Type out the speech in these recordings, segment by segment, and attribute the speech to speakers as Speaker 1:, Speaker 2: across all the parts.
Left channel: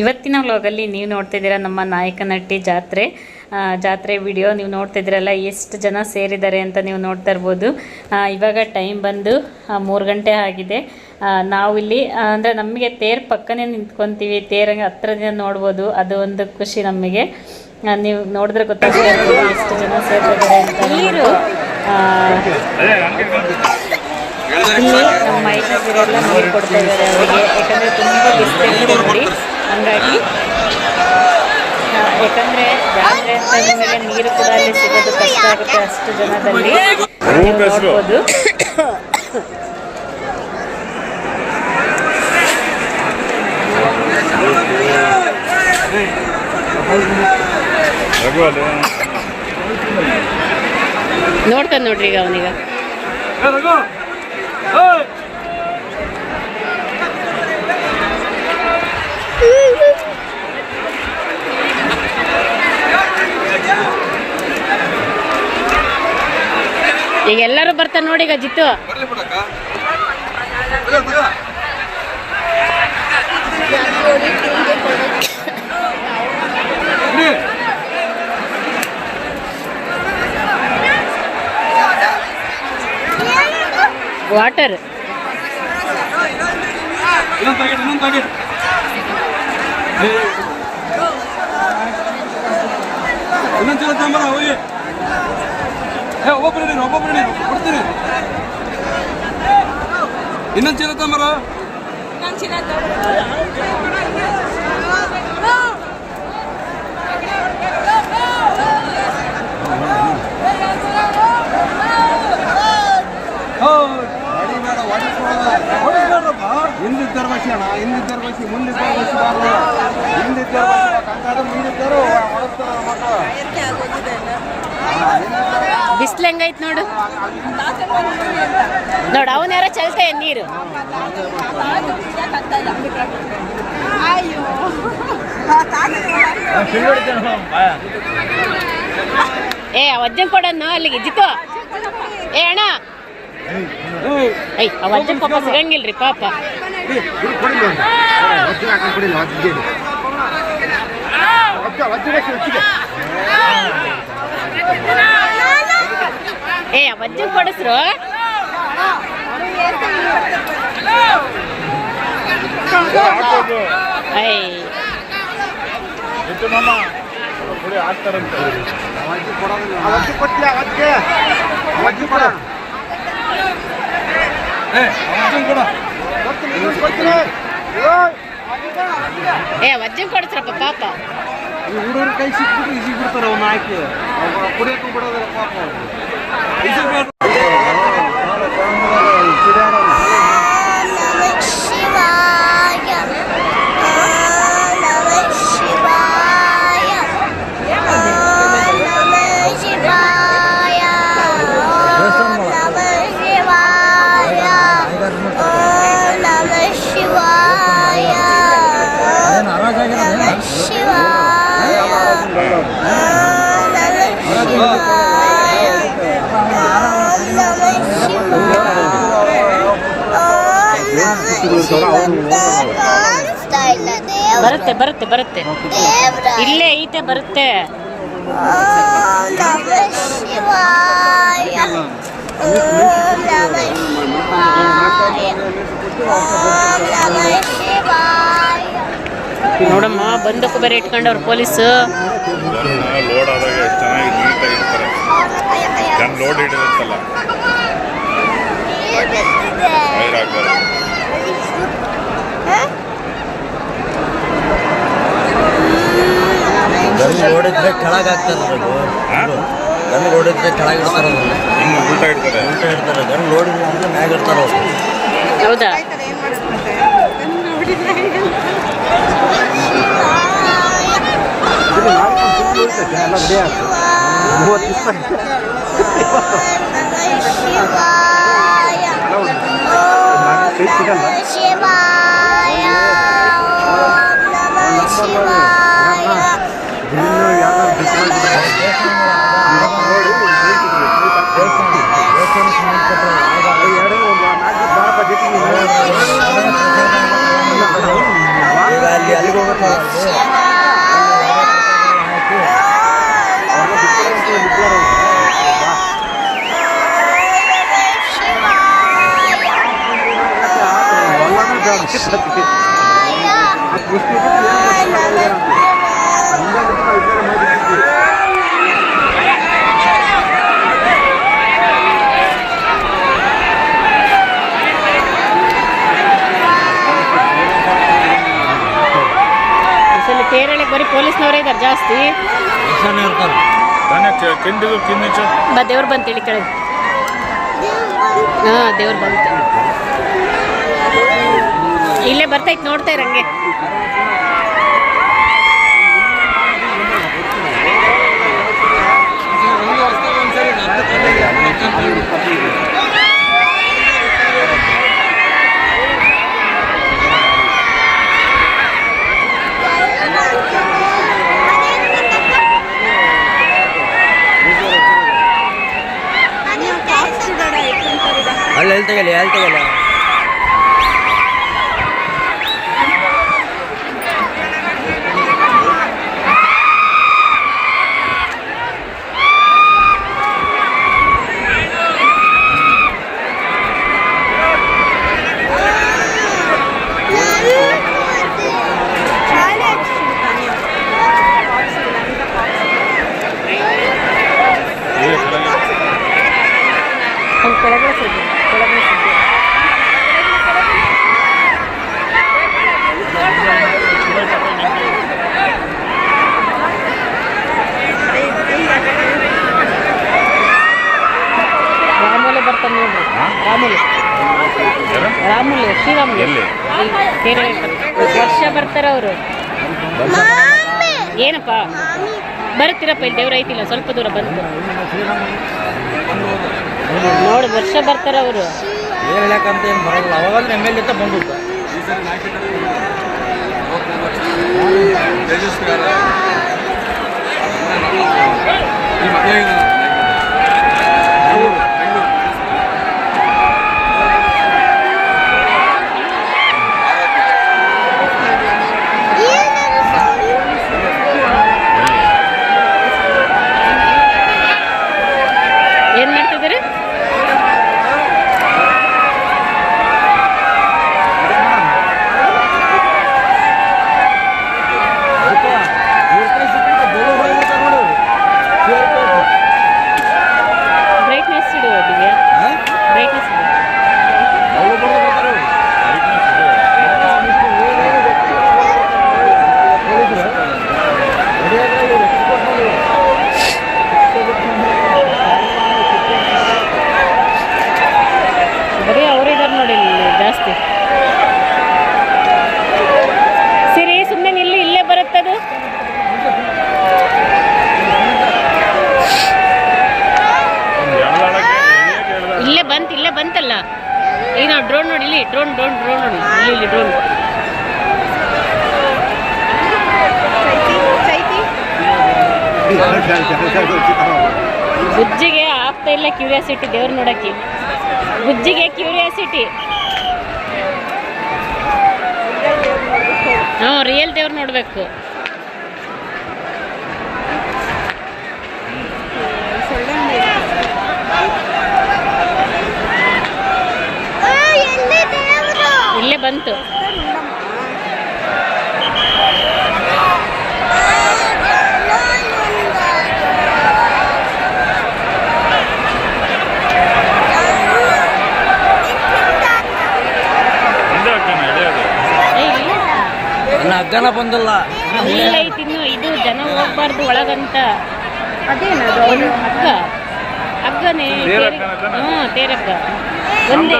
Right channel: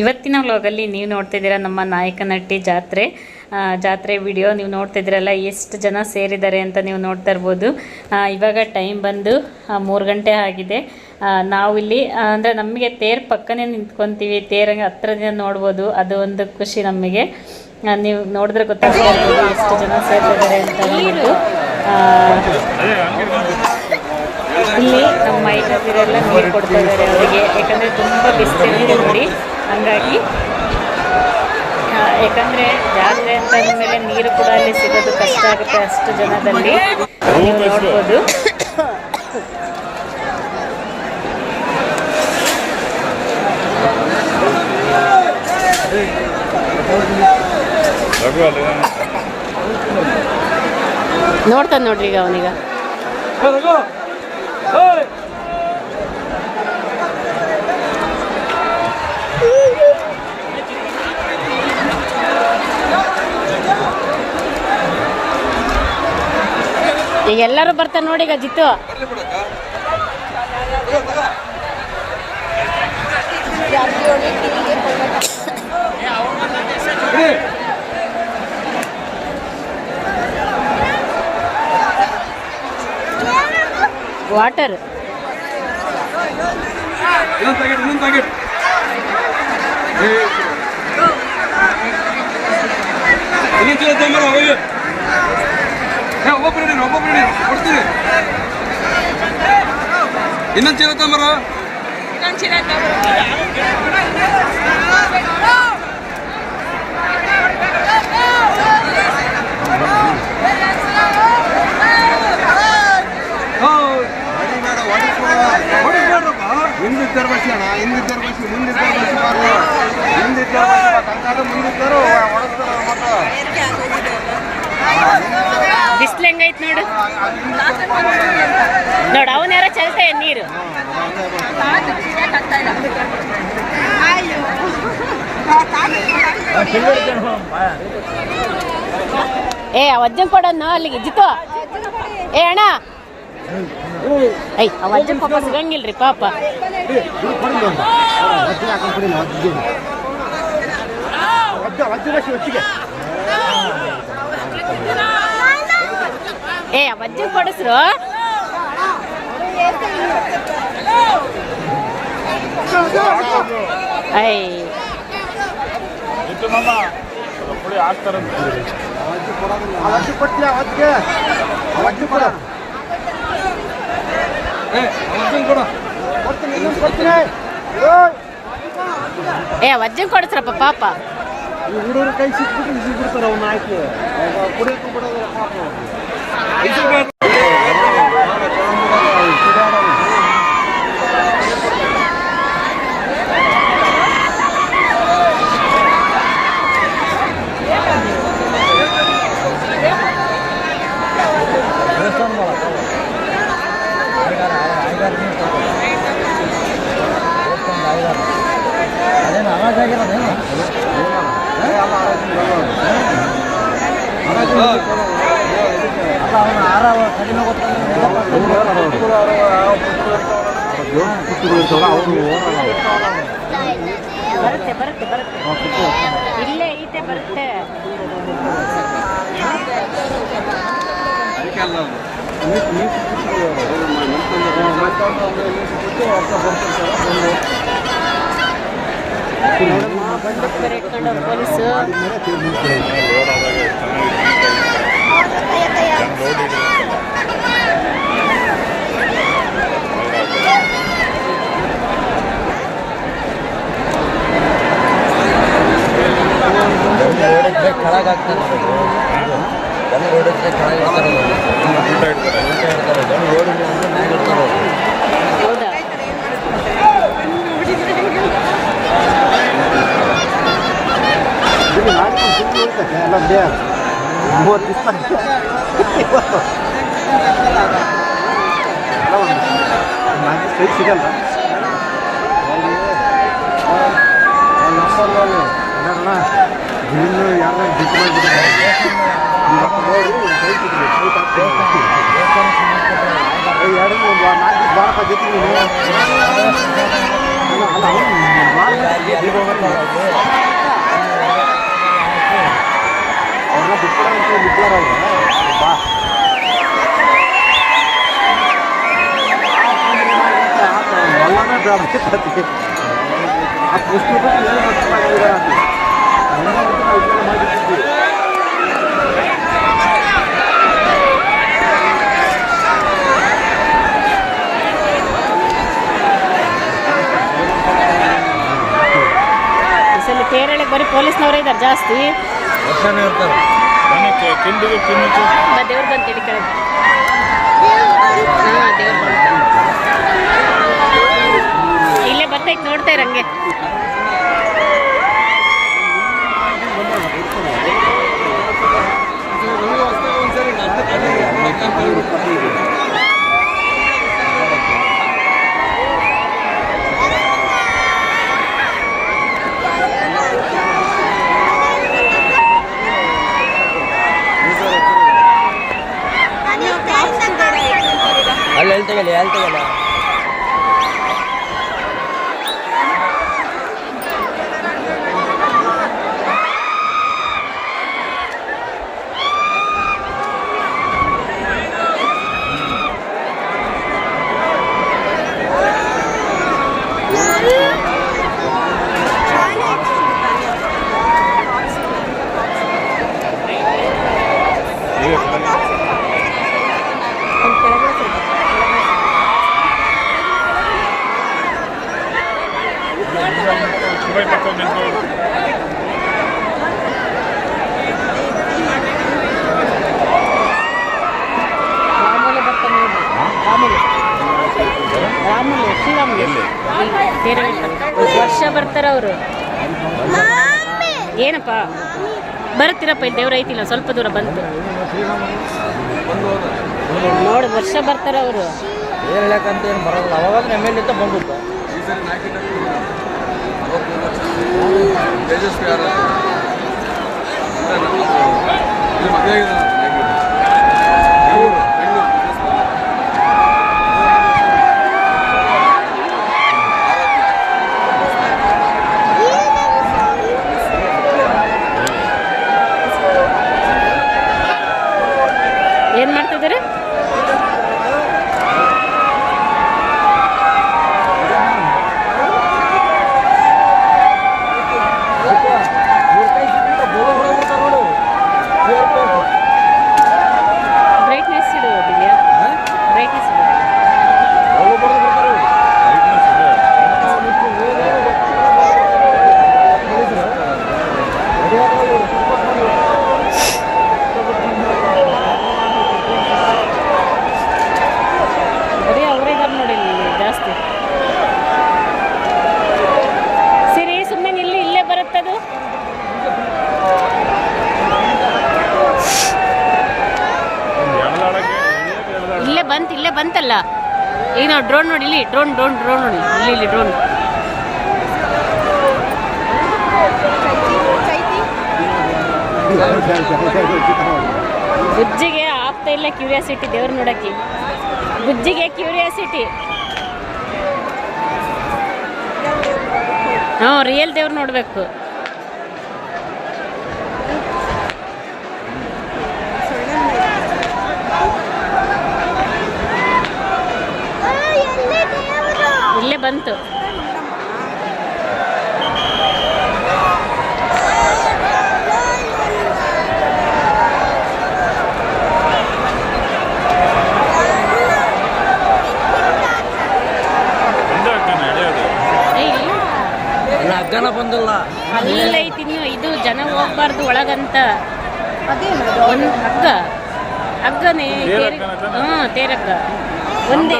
Speaker 1: ಇವತ್ತಿನ ವ್ಲಾಗಲ್ಲಿ ನೀವು ನೋಡ್ತಿದ್ದೀರ ನಮ್ಮ ನಾಯಕನಟ್ಟಿ ಜಾತ್ರೆ. ಜಾತ್ರೆ ವಿಡಿಯೋ ನೀವು ನೋಡ್ತಿದ್ದೀರಲ್ಲ ಎಷ್ಟು ಜನ ಸೇರಿದ್ದಾರೆ ಅಂತ ನೀವು ನೋಡ್ತಾ ಇರ್ಬೋದು. ಇವಾಗ ಟೈಮ್ ಬಂದು ಮೂರು ಗಂಟೆ ಆಗಿದೆ. ನಾವಿಲ್ಲಿ ಅಂದರೆ ನಮಗೆ ತೇರು ಪಕ್ಕನೇ ನಿಂತ್ಕೊತೀವಿ ತೇರಂಗೆ ಹತ್ರದಿಂದ ನೋಡ್ಬೋದು. ಅದು ಒಂದು ಖುಷಿ ನಮಗೆ. ನೀವು ನೋಡಿದ್ರೆ ಗೊತ್ತಾಗ್ತಾ ಎಷ್ಟು ಜನ ಸೇರ್ತಿದ್ದಾರೆ ಅಂತ ಹೇಳ್ಬಿಟ್ಟು ಇಲ್ಲಿ ನಮ್ಮ ಮೈನವರೆಲ್ಲ ನೀರು ಕೊಡ್ತಾ ಇದ್ದಾರೆ ಅವರಿಗೆ. ಯಾಕಂದರೆ ತುಂಬ ಬಿಸಿಲಿರುತ್ತೆ ನೋಡಿ ಹಂಗಾಗಿ ಯಾಕಂದರೆ ಜಾತ್ರೆ ಅಂತ ಅಂದಮೇಲೆ ನೀರು ಕೂಡ ಅಲ್ಲಿ ಸಿಗೋದು ಕಷ್ಟ ಆಗುತ್ತೆ ಅಷ್ಟು ಜನದಲ್ಲಿ. ನೀವು ನೋಡ್ಬೋದು. ನೋಡ್ತಾನೆ ನೋಡ್ರಿ ಈಗ ಅವನೀಗ. ಈಗ ಎಲ್ಲರೂ ಬರ್ತಾರೆ ನೋಡಿ ಈಗ ಜಿತ್ತು. ವಾಟರ್
Speaker 2: ಒಬ್ಬೊಬ್ಬರು ನೀನು ಒಬ್ಬೊಬ್ಬರು ನೀನು ಕೊಡ್ತೀನಿ ಇನ್ನೊಂದು ಚೀಲ ತಂಬರ.
Speaker 3: ಹಿಂದಿದ್ದರು ಬಸಿ ಅಣ್ಣ ಹಿಂದಿದ್ದರು ಬಸಿ ಮುಂದಿದ್ದರು ಬಸಿ ಬಾರ್ದು ಹಿಂದಿದ್ದರು ಬಸಿ ಬಾ ಕಂಗಾದ ಮುಂದಿದ್ದರು ಹೊಡೆಸ್ತಾರ ಮಕ್ಕಳು.
Speaker 1: ಬಿಸಿಲು ಹೆಂಗೈತ್ ನೋಡು. ನೋಡು, ಅವನ ಯಾರ ಚಲ್ತೆ ನೀರು. ಏ ಪಡಣ್ಣ ಕೊಡನ್ನು ಅಲ್ಲಿಗೆ ಜಿತ್ತು ಏ, ಅಣ್ಣ. ಐ ಅವ ಪಾಪ ಸಿಗಂಗಿಲ್ರಿ, ಪಾಪ. ಏ ಅಜ್ಜನ್ ಕೊಡಿಸ್ರು?
Speaker 2: ಏ
Speaker 1: ಅಜ್ಜನ್ ಕೊಡಿಸ್ರಪ್ಪ ಪಾಪ.
Speaker 3: ಈ ಹುಡುಗರು ಕೈ ಸಿಕ್ಬಿಟ್ಟು ಈಸಿ ಬಿಡ್ತಾರೆ ಅವ್ನ ಹಾಕಿ ಕುಡಿಯಕ್ಕೂ ಬಿಡೋದ್ರೆ ಪಾಪ
Speaker 2: ಅವರು
Speaker 3: ಸಿಡಿಯಾಡೋನು
Speaker 1: ಬರುತ್ತೆ ಬರುತ್ತೆ ಬರುತ್ತೆ. ಇಲ್ಲೇ ಐತೆ ಬರುತ್ತೆ. ನೋಡಮ್ಮ ಬಂದಕ್ಕೂ ಬೇರೆ ಇಟ್ಕೊಂಡವ್ರು ಪೊಲೀಸು
Speaker 4: ಲೋಡ್ ಆದಾಗ ಎಷ್ಟು ಚೆನ್ನಾಗಿ ನೀಟಾಗಿರ್ತಾರೆ ಜನ ಲೋಡ್ ಆಗ್ತಾರೆ
Speaker 5: ಓಡಿದ್ರೆ ಕೆಳಗಾಗ್ತಾರೆ ಗನ್ ಓಡಿದ್ರೆ ಕೆಳಗಿರ್ತಾರೆ
Speaker 4: ಇನ್ನು ಊಟ ಇಡ್ತಾರೆ.
Speaker 5: ಊಟ ಇಡ್ತಾರೆ. ಗನ್ ಮ್ಯಾಗ ಇರ್ತಾರೆ ಅವ್ರು.
Speaker 1: ಹೌದಾ?
Speaker 3: ಇದು ನಾಲ್ಕು ಎಲ್ಲ ಬಿಡಿ ಮೂವತ್ತು ಇಪ್ಪತ್ತು ನಾಲ್ಕು ಕೈ ಸಿಗಲ್ಲ ನಂಬರ್ ನೋಡಿ ಅಣ್ಣ ಇನ್ನು ಯಾರು ಬಿಟ್ಟು ಮಾಡಿಬಿಡ್ತಾರೆ ನೋಡಿ ಒಂದು ಕೈ ಎರಡು ಒಂದು ನಾಲ್ಕು ಬಾರಪ್ಪ ಜೊತೆ ನೀನು ಅಲ್ಲ ಅಲ್ಲ ಅವನು ಅವ್ರನ್ನ ಬಿಟ್ಕೊಡಂತ ಬಿಟ್ಲಾರ ಅವ್ರು ಬಾ ಸತಿ ಆ ಪುಸ್ತಕ ವಿಚಾರ
Speaker 6: ತೇರಳೆ ಬರೀ ಪೊಲೀಸ್ನವರೇ ಇದ್ದಾರೆ ಜಾಸ್ತಿ. ಬಾ ದೇವ್ರು ಬಂತು ಇಲ್ಲಿ ಕೆಳಗೆ. ಹಾಂ ದೇವ್ರು ಬಂತು. ಇಲ್ಲೇ ಬರ್ತೈತೆ ನೋಡ್ತಾ ಇರಂಗೆ
Speaker 5: ಅಲ್ಲಿ ತೆಗಲಿ ಅಲ್ಲಿ ತೆಗಲಿ
Speaker 6: ತೇರಳೆ ವರ್ಷ ಬರ್ತಾರ ಅವರು. ಏನಪ್ಪ? ಬರ್ತೀರಪ್ಪ ಇಲ್ಲಿ ದೇವ್ರ ಐತಿಲ್ಲ ಸ್ವಲ್ಪ ದೂರ ಬಂತು. ನೋಡಿ, ವರ್ಷ ಬರ್ತಾರ ಅವರು.
Speaker 5: ಬಂದ್ಬಿಟ್ಟು
Speaker 2: ತೇಜಸ್ವಿಯವರ ನಿಮ್ಮ ಮದುವೆ ಇದೆ. ಬೆಂಗಳೂರು, ಬೆಂಗಳೂರು.
Speaker 6: ಏನ್ ಮಾಡ್ತಿದ್ದೀರಿ ಬ್ರೈಟ್ನೆಸ್ ಇಡು ಒಟ್ಟಿಗೆ ಬ್ರೈಟ್ನೆಸ್ ಇಡು ಬರೀ ಅವರು ಇದಾರೆ ನೋಡಿ ಇಲ್ಲಿ ಜಾಸ್ತಿ ಸರಿ ಸುಮ್ಮನೆ ನಿಲ್ಲಿ ಇಲ್ಲೇ ಬರುತ್ತದು
Speaker 4: ಎಳ್ದಾಡಕ್ಕೆ ಎಳಿಯಕ್ಕೆ ಎಳ್ದಾಡ-
Speaker 6: ಇಲ್ಲೇ ಬಂತು ಇಲ್ಲೇ ಬಂತಲ್ಲ ನಾವು ಡ್ರೋನ್ ನೋಡಿ ಇಲ್ಲಿ ಡ್ರೋನ್ ಡ್ರೋನ್ ಡ್ರೋನ್ ನೋಡಿ. ಇಲ್ಲಿ ಇಲ್ಲಿ ಡ್ರೋನ್ ಬುಜ್ಜಿಗೆ ಆಗ್ತಾ ಇಲ್ಲ ಕ್ಯೂರಿಯಾಸಿಟಿ ದೇವ್ರು ನೋಡಕ್ಕೆ. ಬುಜ್ಜಿಗೆ ಕ್ಯೂರಿಯಾಸಿಟಿ ಹ್ಞೂ ರಿಯಲ್ ದೇವ್ರು ನೋಡಬೇಕು. ಬಂತು.
Speaker 5: ಬಂದಲ್ಲ.
Speaker 6: ಅಲ್ಲ ಐತಿ ಇನ್ನು ಇದು ಜನ ಹೋಗ್ಬಾರ್ದು ಒಳಗಂತ. ಒಂದು ಹಗ್ಗ. ಹಗ್ಗನೇ
Speaker 4: ಹಾ
Speaker 6: ತೇರ್-
Speaker 4: ಹಗ್ಗನ
Speaker 6: ಹ್ಞೂ ತೇರಗ್ಗ ಒಂದೇ.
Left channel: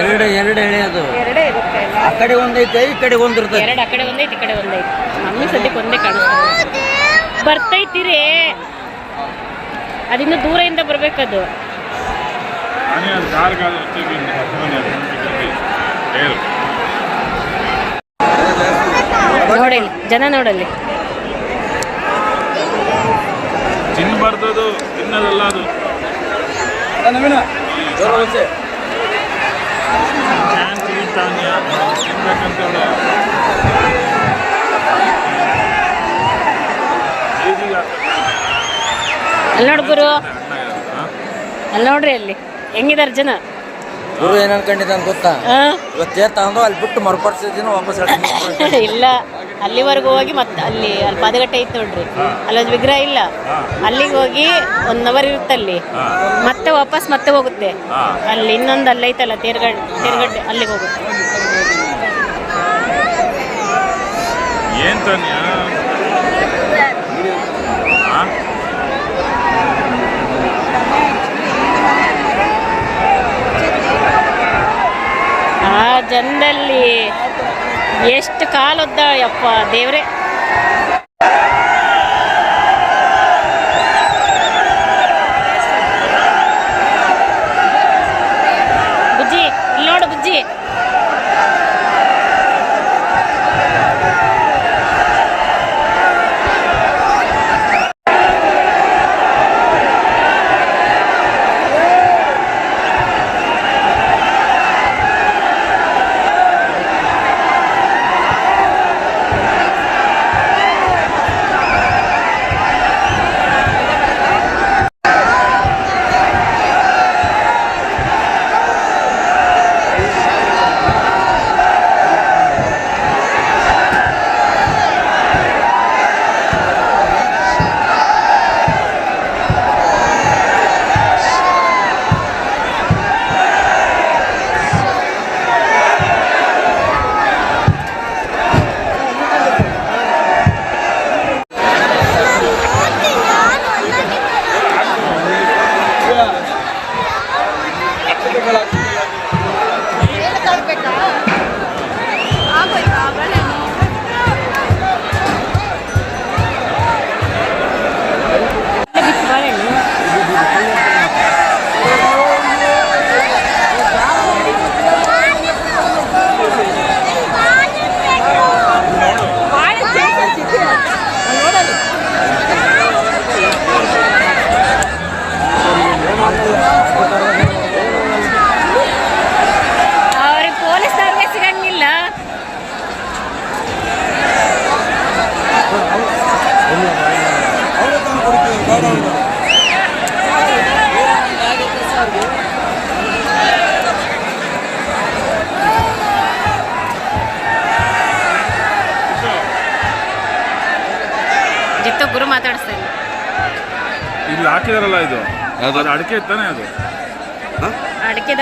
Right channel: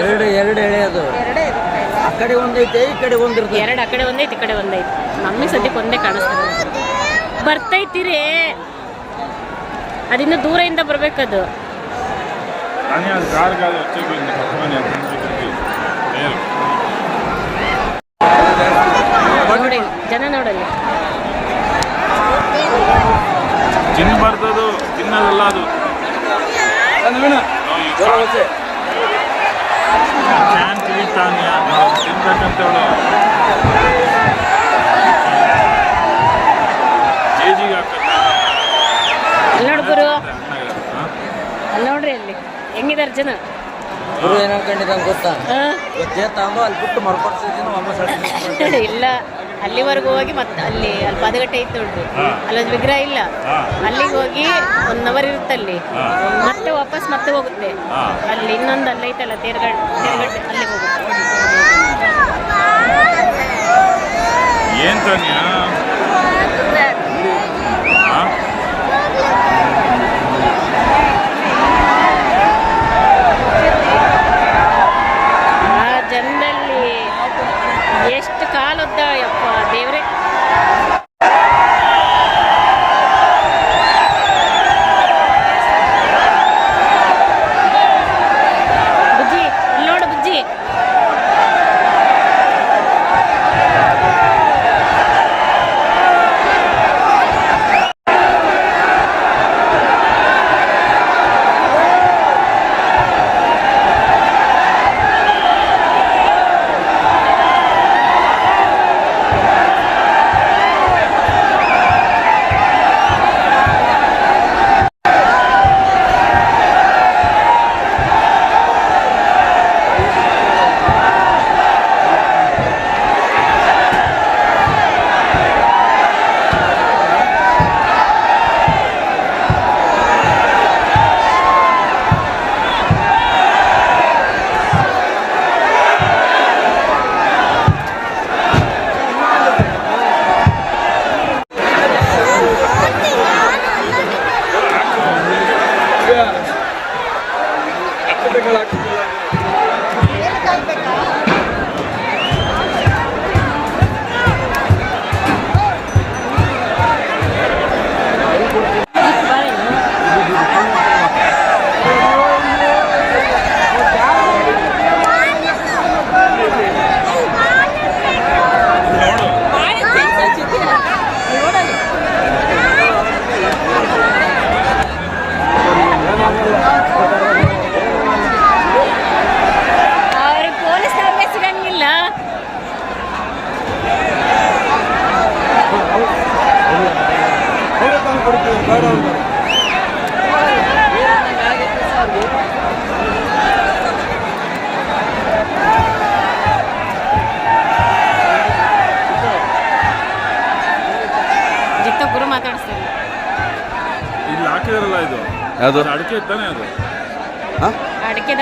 Speaker 4: ಎರಡು ಎರಡು ಎಳೆ
Speaker 5: ಅದು ಎರಡೇ ಇರುತ್ತೆ ಆ ಕಡೆ ಒಂದೈತೆ ಈ ಕಡೆ ಒಂದಿರುತ್ತೆ
Speaker 6: ಎರಡು ಆ ಕಡೆ ಒಂದೈತೆ ಈ ಕಡೆ ಒಂದೈತೆ ನಮಗೆ ಸದ್ಯಕ್ಕೆ ಒಂದೇ ಕಾಣಿಸ್ತದೆ ಬರ್ತೈತಿರಿ? ಅದಿನ್ನು ದೂರದಿಂದ ಬರ್ಬೇಕದು. ನೋಡಿ ಜನ ನೋಡಲ್ಲಿ
Speaker 4: ತಿನ್ನಬಾರ್ದು ತಿನ್ನೋದಲ್ಲ ಅದು. ನಾನು ತಿಳಿತಾನೆ ತಿನ್ಬೇಕಂತೇಳು ಗುರು
Speaker 6: ನೋಡ್ರಿ ಅಲ್ಲಿ. ಹೆಂಗಿದ್ದಾರೆ ಜನ?
Speaker 5: ಗುರು ಏನು ಗೊತ್ತಾ? ಗೊತ್ತಾ ಇವತ್ತೇತಾಂದು ಅಲ್ಲಿ ಬಿಟ್ಟು ಮರುಪಡಿಸಿದ್ದೀನಿ
Speaker 6: ಇಲ್ಲ. ಅಲ್ಲಿವರೆಗೂ ಹೋಗಿ ಮತ್ತೆ ಅಲ್ಲಿ ಅಲ್ಲಿ ಪಾದಗಟ್ಟೆ ಇತ್ತು ನೋಡ್ರಿ. ಅಲ್ಲೊಂದು ವಿಗ್ರಹ ಇಲ್ಲ. ಅಲ್ಲಿಗೆ ಹೋಗಿ ಒನ್ ಅವರ್ ಇರುತ್ತೆ ಅಲ್ಲಿ ಮತ್ತೆ ವಾಪಸ್ ಮತ್ತೆ ಹೋಗುತ್ತೆ. ಅಲ್ಲಿ ಇನ್ನೊಂದು ಅಲ್ಲೈತಲ್ಲ ತೇರ್ಗಡ್ ತೇರ್ಗಡ್ಡೆ ಅಲ್ಲಿಗೆ ಹೋಗುತ್ತೆ.
Speaker 4: ಏನ್ ತಾನ್ಯ?
Speaker 6: ಆ ಎಷ್ಟು ಕಾಲದ್ದ ಯಪ್ಪ ದೇವ್ರೆ.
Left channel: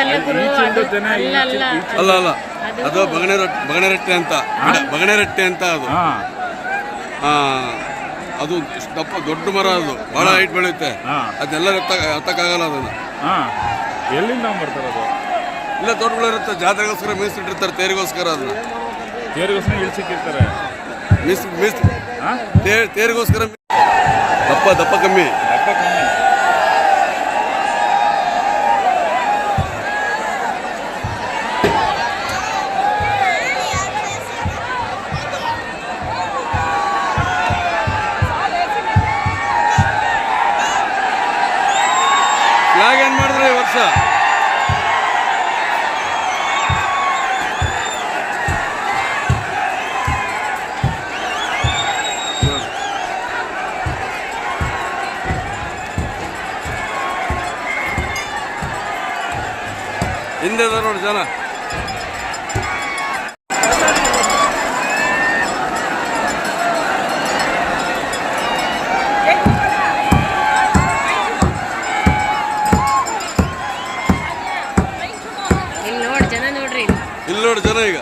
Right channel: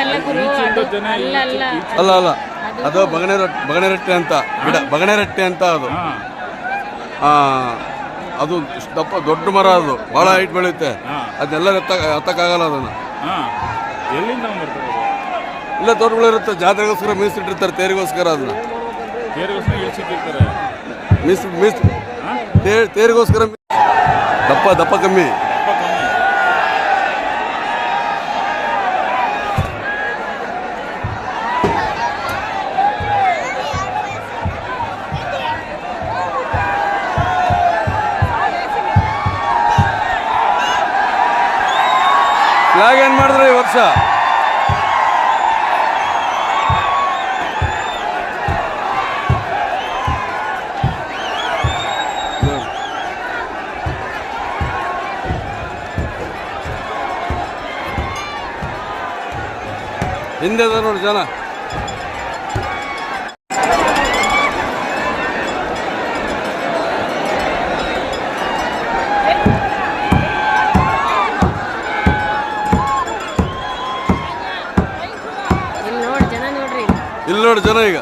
Speaker 6: ಅಡಿಕೆದಲ್ಲ ಗುರು ಅದು ಅಲ್ಲ ಅಲ್ಲ
Speaker 2: ಅಲ್ಲ ಅಲ್ಲ.
Speaker 6: ಅದು
Speaker 2: ಬಗಣೆ ರೊಟ್ಟಿ ಬಗಣೆ ರೊಟ್ಟಿ ಅಂತ ಗಿಡ ಬಗಣೆ ರೊಟ್ಟಿ ಅಂತ ಅದು. ಆ, ಅದು ದಪ್ಪ ದೊಡ್ಡ ಮರ ಅದು ಬಹಳ ಹೈಟ್ ಬೆಳೆಯುತ್ತೆ. ಅದೆಲ್ಲ ಎತ್ತ ಹತ್ತಕ್ಕಾಗಲ್ಲ ಅದನ್ನ.
Speaker 4: ಹಾ. ಎಲ್ಲಿಂದ ಬರ್ತಾರೆ ಅದು?
Speaker 2: ಇಲ್ಲ ದೊಡ್ಡಗಳಿರುತ್ತೆ ಜಾತ್ರೆಗೋಸ್ಕರ ಮೀಸಲಿಟ್ಟಿರ್ತಾರೆ ತೇರಿಗೋಸ್ಕರ ಅದು
Speaker 4: ತೇರಿಗೋಸ್ಕರ ಇಳಿಸಿಟ್ಟಿರ್ತಾರೆ
Speaker 2: ಮೀಸ್ ಮೀಸ್
Speaker 4: ಹಾ?
Speaker 2: ತೇ- ತೇರಿಗೋಸ್ಕರ. ದಪ್ಪ ದಪ್ಪ ಕಮ್ಮಿ. ಹಿಂದೆ ಇದಾರೆ ನೋಡಿ ಜನ
Speaker 6: ಇಲ್ಲಿ ನೋಡಿ ಜನ ನೋಡ್ರಿ. ಇಲ್ಲಿ
Speaker 2: ನೋಡಿ ಜನ ಈಗ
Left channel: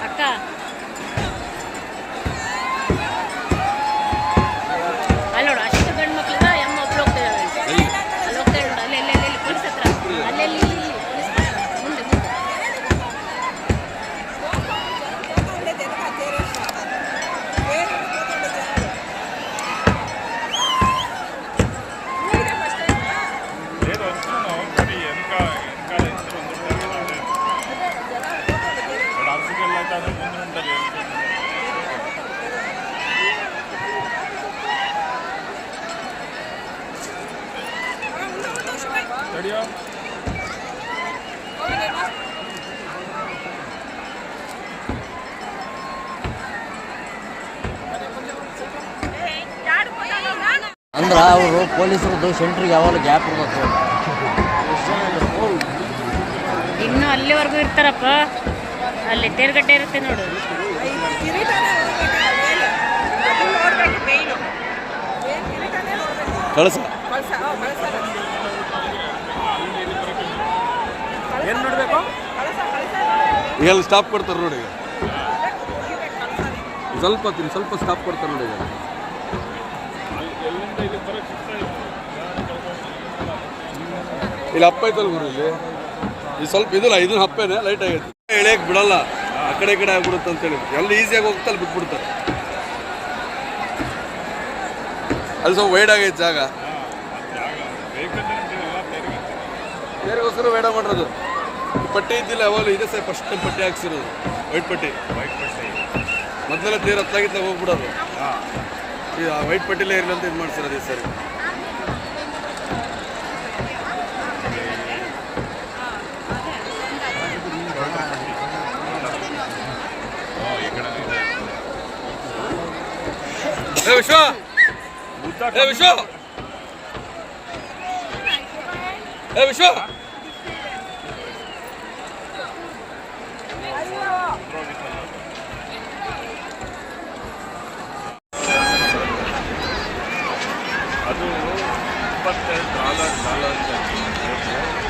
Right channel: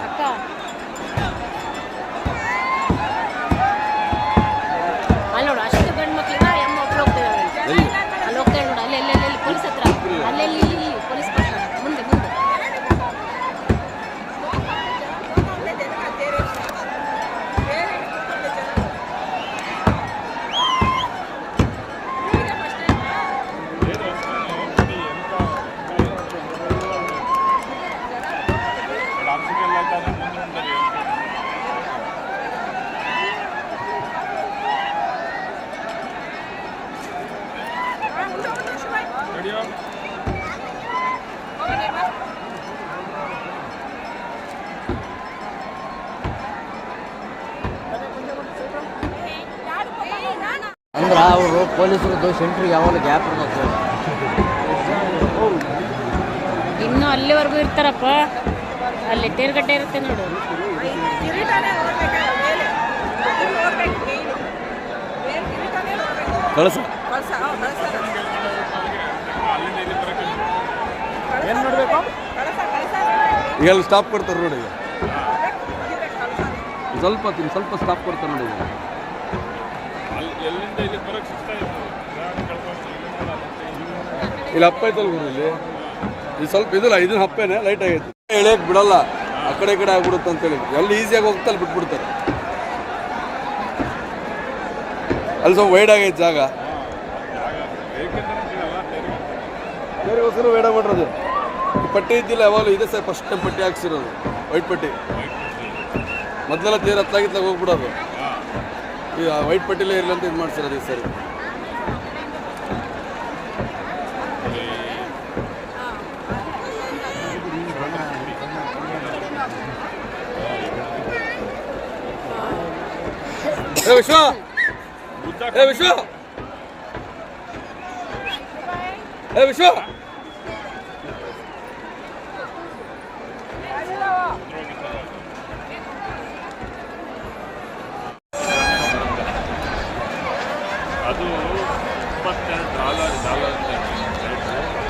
Speaker 5: ಸೆಂಟ್ರಿಗೆ ಯಾವಾಗ ಗ್ಯಾಪ್ ಇರ್ಬೇಕು.
Speaker 1: ಇನ್ನು ಅಲ್ಲಿವರೆಗೂ ಇರ್ತಾರಪ್ಪ. ಅಲ್ಲಿ ತೇರ್ಗಡ್ಡೆ ಇರುತ್ತೆ ನೋಡು.
Speaker 2: ಕಳಸ. ಈಗ ಅಲ್ಲಿ ಸ್ಟಾಪ್ ಕೊಡ್ತಾರೆ ನೋಡಿ ಈಗ. ಸ್ವಲ್ಪ ಸ್ವಲ್ಪ ಸ್ಟಾಪ್ ಕೊಡ್ತಾರೆ ನೋಡಿ ಈಗ
Speaker 4: ಎಲ್ಲಿಂದ ಇಲ್ಲಿ ಬರೋಕ್ಕೆ ಇಷ್ಟ ಇಲ್ಲ ಗಾಡಿ ಕಳ್ಕೊಂಡು
Speaker 2: ಇಲ್ಲಿ ಹಪ್ಪ ಐತಲ್ಲ ಗುರು ಇದು ಸ್ವಲ್ಪ ಇದಿಲ್ಲ ಇದನ್ನ ಹಪ್ಪೇನೆ ಲೈಟ್ ಆಗೈತೆ. ಎಳೆಯಕ್ಕೆ ಬಿಡಲ್ಲ, ಆ ಕಡೆ ಈ ಕಡೆ ಆಗ್ಬಿಡುತ್ತೆ ಅಂತೇಳಿ ಎಲ್ಲಿ ಈಸಿಯಾಗಿ ಹೋಗ್ತಾ ಅಲ್ಲಿ ಬಿಟ್ಬಿಡ್ತಾರೆ. ಅಲ್ಲಿ ಸ್ವಲ್ಪ ವೈಡ್ ಆಗೈತೆ ಜಾಗ. ಬೇರೆಗೋಸ್ಕರ ವೈಡ್ ಮಾಡಿರೋದು. ಪಟ್ಟಿ ಇದ್ದಿಲ್ಲ, ಯಾವಾಗಲೂ ಇದೆ ಸರ್ ಫಸ್ಟ್ ಟೈಮ್ ಪಟ್ಟಿ ಹಾಕ್ಸಿರೋದು. ವೈಟ್ ಪಟ್ಟಿ.
Speaker 4: ವೈಟ್ ಪಟ್ಟಿ
Speaker 2: ಮೊದಲೆಲ್ಲ ತೀರ ಹತ್ತಾಗಿತ್ತಾಗ ಹೋಗ್ಬಿಡೋದು. ಈ ವೈಟ್ ಪಟ್ಟಿಲೇ ಇರಲಿ ಅಂತ ಇದು ಮಾಡ್ಸಿರೋದು ಈ ಸರಿ. ಏ ವಿಶ್ವ ಏ ವಿಶ್ವ ಏ ವಿಶ್ವ
Speaker 4: ಅದು ಇಪ್ಪತ್ತೆರಡು ಡಾಲರ್ ಡಾಲರ್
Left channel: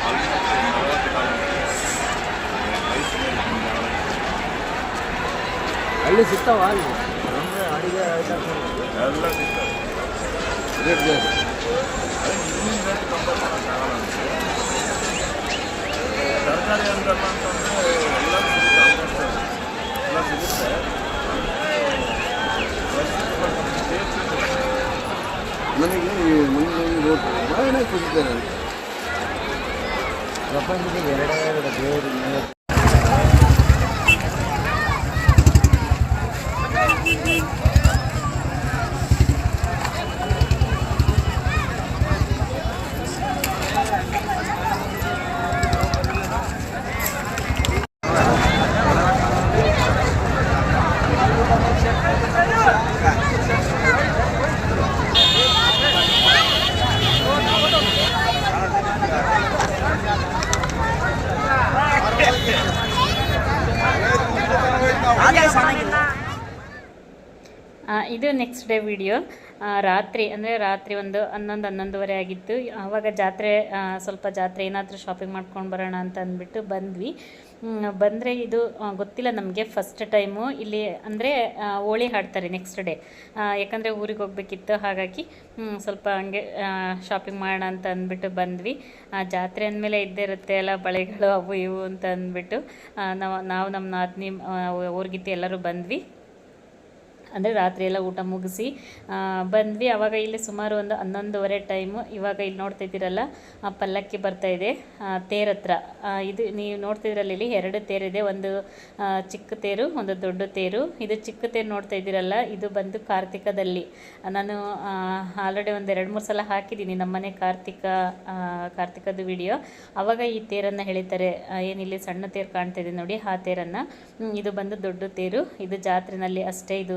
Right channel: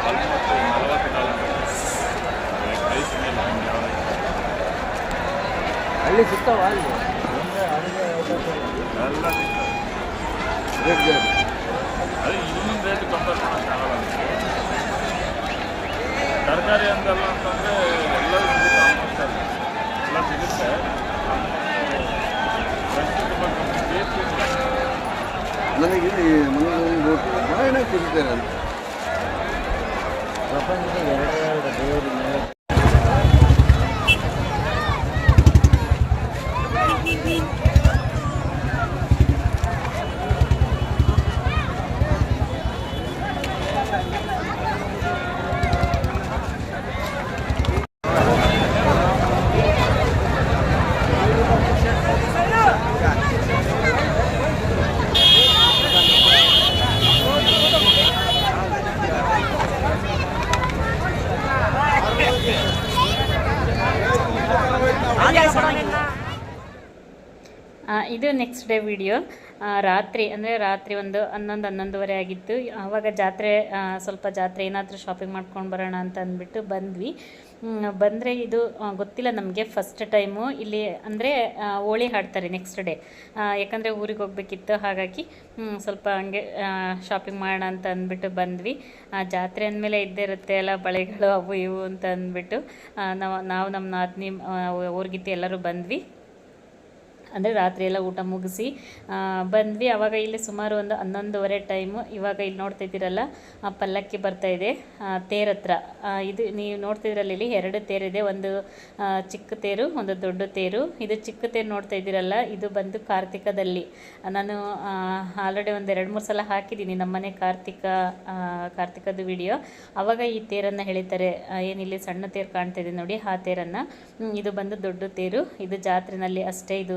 Speaker 4: ಆಲ್ಮೋಸ್ಟ್ ನಲವತ್ತು ಡಾಲರ್ ಐಸ್ ಮೇಲೆ ಡಾಲರ್
Speaker 5: ಅಲ್ಲಿ ಸಿಗ್ತಾವ ಅಲ್ಲಿ
Speaker 4: ಎಲ್ಲ ಸಿಗ್ತದೆ ಅದು ಇನ್ನೊಂದು ರೇಟ್ ಕಂಪೇರ್ ಮಾಡೋಕ್ಕಾಗಲ್ಲ ನಮಗೆ. ತರಕಾರಿ ಅಂತಲ್ಲ ಅಂತಂದರೆ ಎಲ್ಲ ಸಿಗುತ್ತೆ ಎಲ್ಲ ಸಿಗುತ್ತೆ
Speaker 2: ನನಗೆ ಮನೆ ಖುಷಿದ್ದೇನೆ
Speaker 5: ಪ್ರಪಂಚದ ಎರಡೆರಡು ದೇವರು
Speaker 1: ಆ, ಇದು ನೆಕ್ಸ್ಟ್ ಡೇ ವಿಡಿಯೋ ರಾತ್ರಿ ಅಂದರೆ ರಾತ್ರಿ ಒಂದು ಹನ್ನೊಂದು ಹನ್ನೊಂದುವರೆ ಆಗಿತ್ತು. ಆವಾಗ ಜಾತ್ರೆ ಸ್ವಲ್ಪ ಜಾತ್ರೆ ಏನಾದರೂ ಶಾಪಿಂಗ್ ಮಾಡ್ಕೊಂಡು ಬರೋಣ ಅಂತ ಅಂದ್ಬಿಟ್ಟು ಬಂದ್ವಿ. ಬಂದರೆ ಇದು ಗೊತ್ತಿಲ್ಲ ನಮಗೆ ಫಸ್ಟ್ ಟೈಮು ಇಲ್ಲಿ ಅಂದರೆ ಹೋಳಿ ಹಾಡ್ತಾರೆ ನೆಕ್ಸ್ಟ್ ಡೇ ಯಾಕಂದರೆ ಊರಿಗೆ ಹೋಗ್ಬೇಕಿತ್ತು ಹಾಗಾಗಿ ಸ್ವಲ್ಪ ಹಂಗೆ ಶಾಪಿಂಗ್ ಮಾಡೋಣ ಅಂತ ಅಂದ್ಬಿಟ್ಟು ಬಂದ್ವಿ. ಆ, ಜಾತ್ರೆ ಅಂದಮೇಲೆ ಇದ್ದೇ ಇರುತ್ತೆ ಎಲ್ಲ ಬಳೆಗಳು ಅವು ಇವು ಅಂತ ಅಂದ್ಬಿಟ್ಟು ನಾವು ನಾವು ನಮ್ಮ ನಾದಿನಿ ಊರ್ಗಿತ್ತು ಎಲ್ಲರೂ ಬಂದ್ವಿ. ಅಂದರೆ ರಾತ್ರಿ ಎಲ್ಲ ಊಟ ಮುಗಿಸಿ ಬಂದ್ವಿ. ಆವಾಗ ಇಲ್ಲಿ ಸುಮಾರು ಒಂದು ಹನ್ನೊಂದುವರೆ ಟೈಮು ಇವಾಗ ಇಲ್ಲಿ ನೋಡ್ತಾ ಇದ್ದೀರಲ್ಲ, ಆ ಪಲ್ಲಕ್ಕಿ ಬರ್ತಾ ಇದೆ. ತೇರ್ ಹತ್ರ. ಇದು ನೀವು ನೋಡ್ತಿದ್ರಲ್ಲ ಇಲ್ಲಿ ಎರಡು ತೇರಿದೆ ಒಂದು ಚಿಕ್ಕ ತೇರು, ಒಂದು ದೊಡ್ಡ ತೇರು. ಇದು ಚಿಕ್ಕ ತೇರು ನೋಡ್ತಾ ಇದ್ದೀರಲ್ಲ, ಇದು ಬಂದು ಕಾರ್ತಿಕದಲ್ಲಿ. ನಾನು ಆಲ್ರೆಡಿ ಒಂದು ಎರಡು ಮೂರು ಸಲ ಹಾಕಿದ್ದೀನಿ ನಮ್ಮನೆ ಕಾರ್ತಿಕ ಕಾರ್ತಿಕದ ವಿಡಿಯೋ ಆವಾಗ ಈ ತೇರನ್ನು ಎಳಿತಾರೆ ಏನಿಲ್ಲಿ ಸಣ್ಣ ತೇರು ಕಾಣ್ತಾ ಇದೆ ನೋಡಿ, ಆ ತೇರನ್ನು. ಇದು ಬಂದು ದೊಡ್ಡ ತೇರು. ಇದು ಜಾತ್ರೆನಲ್ಲಿ ಅಷ್ಟೇ ಇದು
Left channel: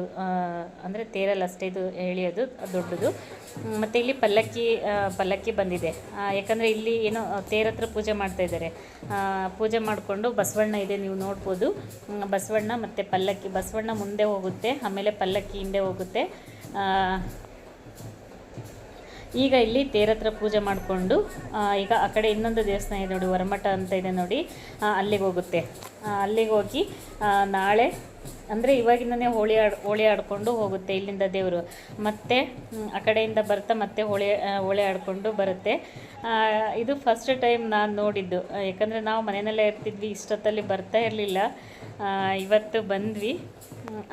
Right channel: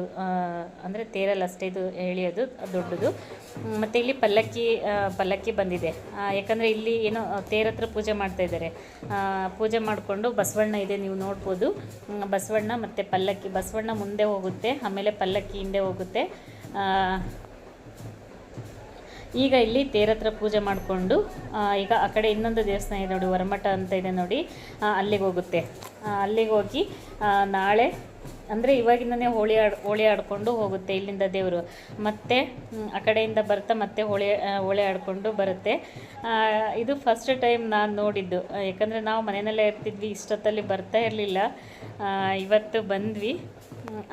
Speaker 1: ಅಂದರೆ ತೇರಲ್ಲಿ ಅಷ್ಟೇ ಇದು ಎಳೆಯೋದು, ದೊಡ್ಡದು. ಮತ್ತು ಇಲ್ಲಿ ಪಲ್ಲಕ್ಕಿ ಪಲ್ಲಕ್ಕಿ ಬಂದಿದೆ. ಯಾಕಂದರೆ ಇಲ್ಲಿ ಏನೋ ತೇರ ಹತ್ರ ಪೂಜೆ ಮಾಡ್ತಾ ಇದ್ದಾರೆ. ಪೂಜೆ ಮಾಡಿಕೊಂಡು ಬಸವಣ್ಣ ಇದೆ, ನೀವು ನೋಡ್ಬೋದು. ಬಸವಣ್ಣ ಮತ್ತು ಪಲ್ಲಕ್ಕಿ, ಬಸವಣ್ಣ ಮುಂದೆ ಹೋಗುತ್ತೆ, ಆಮೇಲೆ ಪಲ್ಲಕ್ಕಿ ಹಿಂದೆ ಹೋಗುತ್ತೆ. ಈಗ ಇಲ್ಲಿ ತೇರ ಹತ್ರ ಪೂಜೆ ಮಾಡಿಕೊಂಡು ಈಗ ಆ ಕಡೆ ಇನ್ನೊಂದು ದೇವಸ್ಥಾನ ಇದೆ ನೋಡಿ, ವರಮಠ ಅಂತ ಇದೆ ನೋಡಿ ಅಲ್ಲಿಗೆ ಹೋಗುತ್ತೆ. ಅಲ್ಲಿಗೆ ಹೋಗಿ ನಾಳೆ ಅಂದರೆ ಇವಾಗಿಂದನೇ ಹೋಳಿ ಆಡ್, ಹೋಳಿ ಆಡಿಕೊಂಡು ಹೋಗುತ್ತೆ ಇಲ್ಲಿಂದ ದೇವರು. ಮತ್ತೆ ಆ ಕಡೆಯಿಂದ ಬರ್ತಾ ಮತ್ತೆ ಹೋಳಿ ಹೋಳಿ ಆಡಿಕೊಂಡು ಬರುತ್ತೆ. ಇದು ಫಸ್ಟ್ ಟೈಮ್ ನಾನು ನೋಡಿದ್ದು. ಯಾಕಂದರೆ ನಾವು ಮನೆಯಲ್ಲೇ ಇರ್ತಿದ್ವಿ, ಇಷ್ಟೊತ್ತಲ್ಲಿ ಬರ್ತಾ ಇರಲಿಲ್ಲ. ಇವತ್ತು ಬಂದ್ವಿ.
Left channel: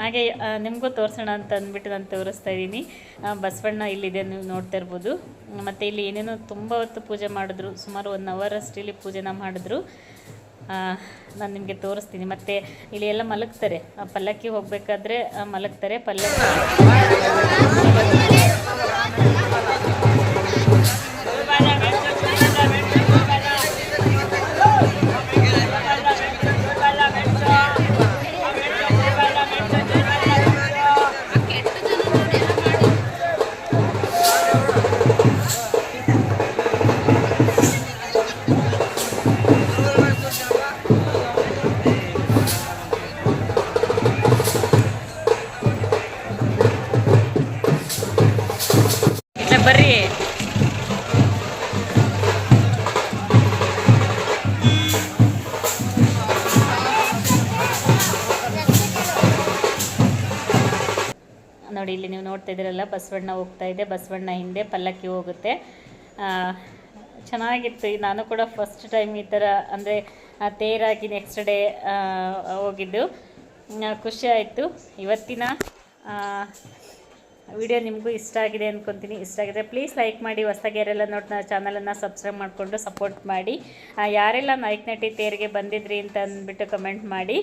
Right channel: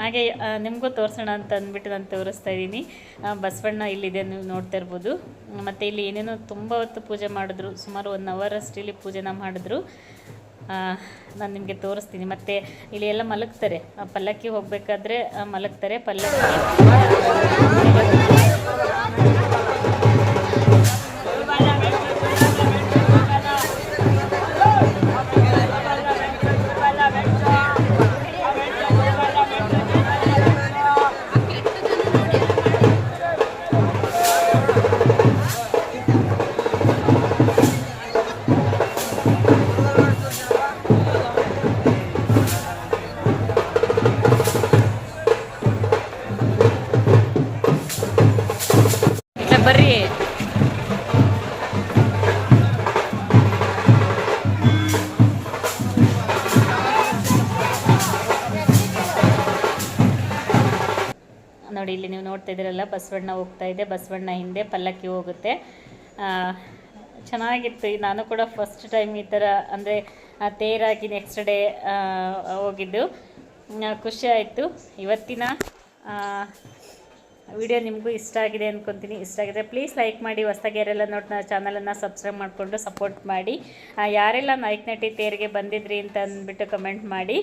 Speaker 1: ಹಾಗೆ ನಿಮಗೂ ತೋರಿಸೋಣ ಅಂತ ಅಂದ್ಬಿಟ್ಟು ನಾನು ತೋರಿಸ್ತಾ ಇದ್ದೀನಿ. ಬಸವಣ್ಣ ಇಲ್ಲಿದೆ ನೀವು ನೋಡ್ತಾ ಇರ್ಬೋದು. ಮತ್ತು ಇಲ್ಲಿ ಏನೇನೋ ತುಂಬ ಹೊತ್ತು ಪೂಜೆ ಮಾಡಿದ್ರು. ಸುಮಾರು ಒನ್ ಅವರ್ ಇಲ್ಲಿ ಪೂಜೆನ ಮಾಡಿದ್ರು. ನಾನು ನಿಮಗೆ ತೋರಿಸ್ತೀನಿ. ಮತ್ತು ಇಲ್ಲಿ ಎಲ್ಲ ಮಲಗ್ತಾರೆ. ಪಲ್ಲಕ್ಕಿ ಹೋಗಬೇಕಾದ್ರೆ ಮಲಗ್ತಾರೆ. ಪಲ್ಲಕ್ಕಿ. ಇದ್ದೀರಲ್ಲ ಬಸವಣ್ಣ ಹೋಗ್ತಾ ಇದೆ. ಬಸವಣ್ಣ ಹಿಂದೆ ಪಲ್ಲಕ್ಕಿ ಹೋಗುತ್ತೆ. ಚೆನ್ನಾಗಿತ್ತು. ನಾನು ಕೂಡ ಫಸ್ಟ್ ಟೈಮ್ ಈ ಥರ ಅಂದರೆ ತೇರಾಗಿ ನೆಕ್ಸ್ಟ್ ಡೇ ಹೋಗಿದ್ದು. ಖುಷಿ ಆಯಿತು. ಇವತ್ತಿನ ವಿಡಿಯೋ ನಿಮಗೂ ಇಷ್ಟ ಆಗಿದೆ ಅಂದ್ಕೊತೀನಿ ಇಷ್ಟ ಆಗಿದೆ ಪ್ಲೀಸ್ ಲೈಕ್ ಮಾಡಿ. ಹೊಸ್ದಾಗಿ ಯಾರೆಲ್ಲ ನೋಡಿ ನಾವು ಚಾನಲನ್ನು ಸಬ್ಸ್ಕ್ರೈಬ್ ಮಾಡಿಕೊಂಡು ಸಪೋರ್ಟ್ ಮಾಡಿ. ಯಾರೆಲ್ಲ ನಾಯ್ಕನಟ್ಟಿ ನಟಿ ತೇರಿಗೆ ಬಂದಿದ್ರಿ ಅಂತ ಅಂದ್ಬಿಟ್ಟು ಕಮೆಂಟ್ ಮಾಡಿ.